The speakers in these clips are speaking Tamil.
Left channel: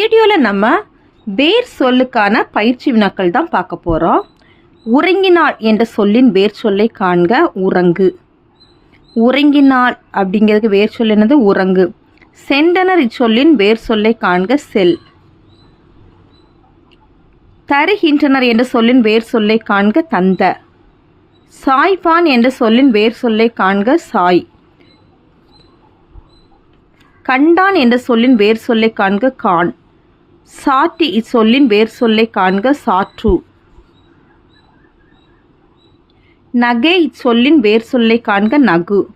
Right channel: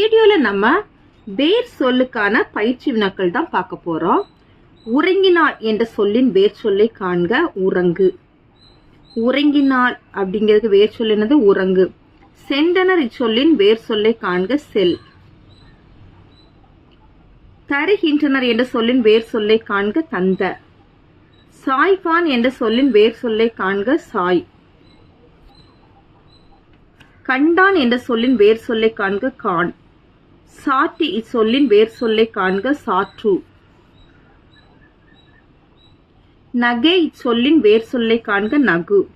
வீடியோவில் நம்ம வேர் சொல்லுக்கான பயிற்சி வினாக்கள் தான் பார்க்க போகிறோம். உறங்கினாள் என்ற சொல்லின் வேர் சொல்லை காண்க. உறங்கு. உறங்கினாள் அப்படிங்கிறதுக்கு வேர் சொல் என்னது? உறங்கு. சென்றனர் இச்சொல்லின் வேர் சொல்லை காண்க. செல். தருகின்றனர் என்ற சொல்லின் வேர் சொல்லை காண்க. தந்த. சாய்பான் என்ற சொல்லின் வேர் சொல்லை காண்க. சாய். கண்டான் என்ற சொல்லின் வேர் சொல்லை காண்க. கான். சாற்றி இச்சொல்லின் வேர் சொல்லை காண்க. சாற்று. நகை இச்சொல்லின் வேர் சொல்லை காண்க. நகு.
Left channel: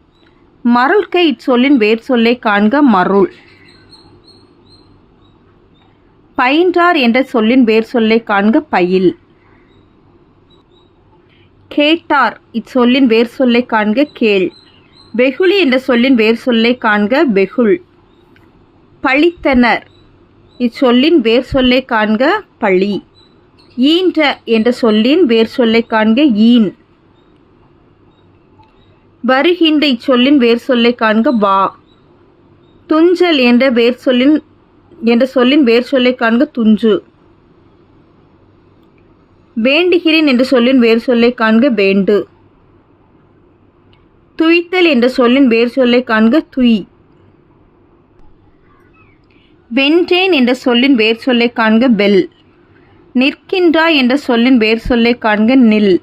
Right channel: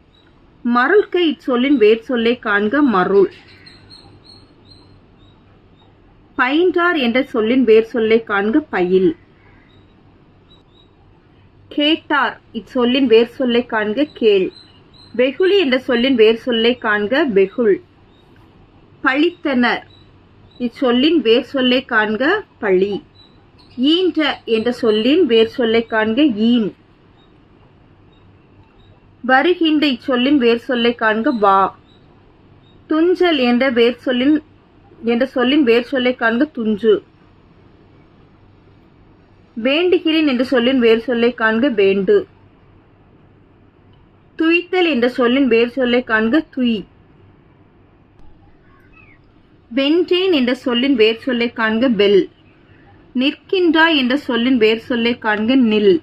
மருள்க இச்சொல்லின் வேர் சொல்லை காண்க. மருள். பயின்றார் என்ற சொல்லின் வேர் சொல்லை காண்க. பயில். கேட்டார் இச்சொல்லின் வேர் சொல்லை காண்க. கேள். வெகுளி என்ற சொல்லின் வேர் சொல்லை காண்க. வெகுள். பழித்தனர் இச்சொல்லின் வேர் சொல்லை காண்க. பழி. ஈன்ற என்ற சொல்லின் வேர் சொல்லை காண்க. ஈன். வருகின்ற இச்சொல்லின் வேர் சொல்லை காண்க. வா. துஞ்சல் என்ற சொல்லின் வேர் சொல்லை காண்க. துஞ்சு. வேண்டுகிறேன் என்ற சொல்லின் வேர் சொல்லை காண்க. வேண்டு. துய்த்தல் என்ற சொல்லின் வேர் சொல்லை காண்க. துய். வென்றேன் என்ற சொல்லின் வேர் சொல்லை காண்க. வெல். நிற்கின்றாய் என்ற சொல்லின் வேர் சொல்லை காண்க. நில்.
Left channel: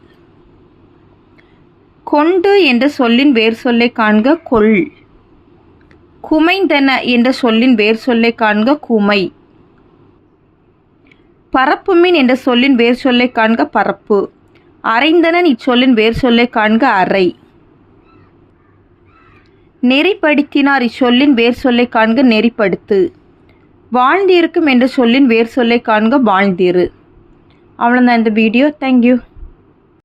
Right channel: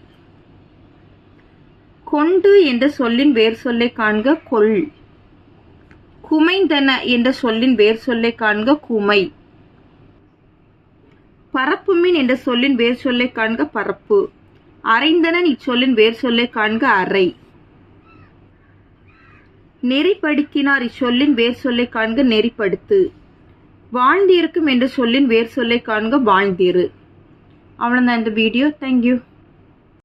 கொண்டு என்ற சொல்லின் வேர் சொல்லை காண்க. கொள். குமைந்தன என்ற சொல்லின் வேர் சொல்லை காண்க. குமை. பரப்புமின் என்ற சொல்லின் வேர் சொல்லை காண்க. பரப்பு. அறைந்தனன் இச்சொல்லின் வேர் சொல்லை காண்க. அறை. நெறிப்படுத்தினார் இச்சொல்லின் வேர் சொல்லை காண்க. நெறிப்படுத்து. வாழ்ந்திருக்கும் என்ற சொல்லின் வேர் சொல்லை காண்க. வாழ்ந்திரு. அவ்வளோதான் இந்த வீடியோ. தேங்க்யூ.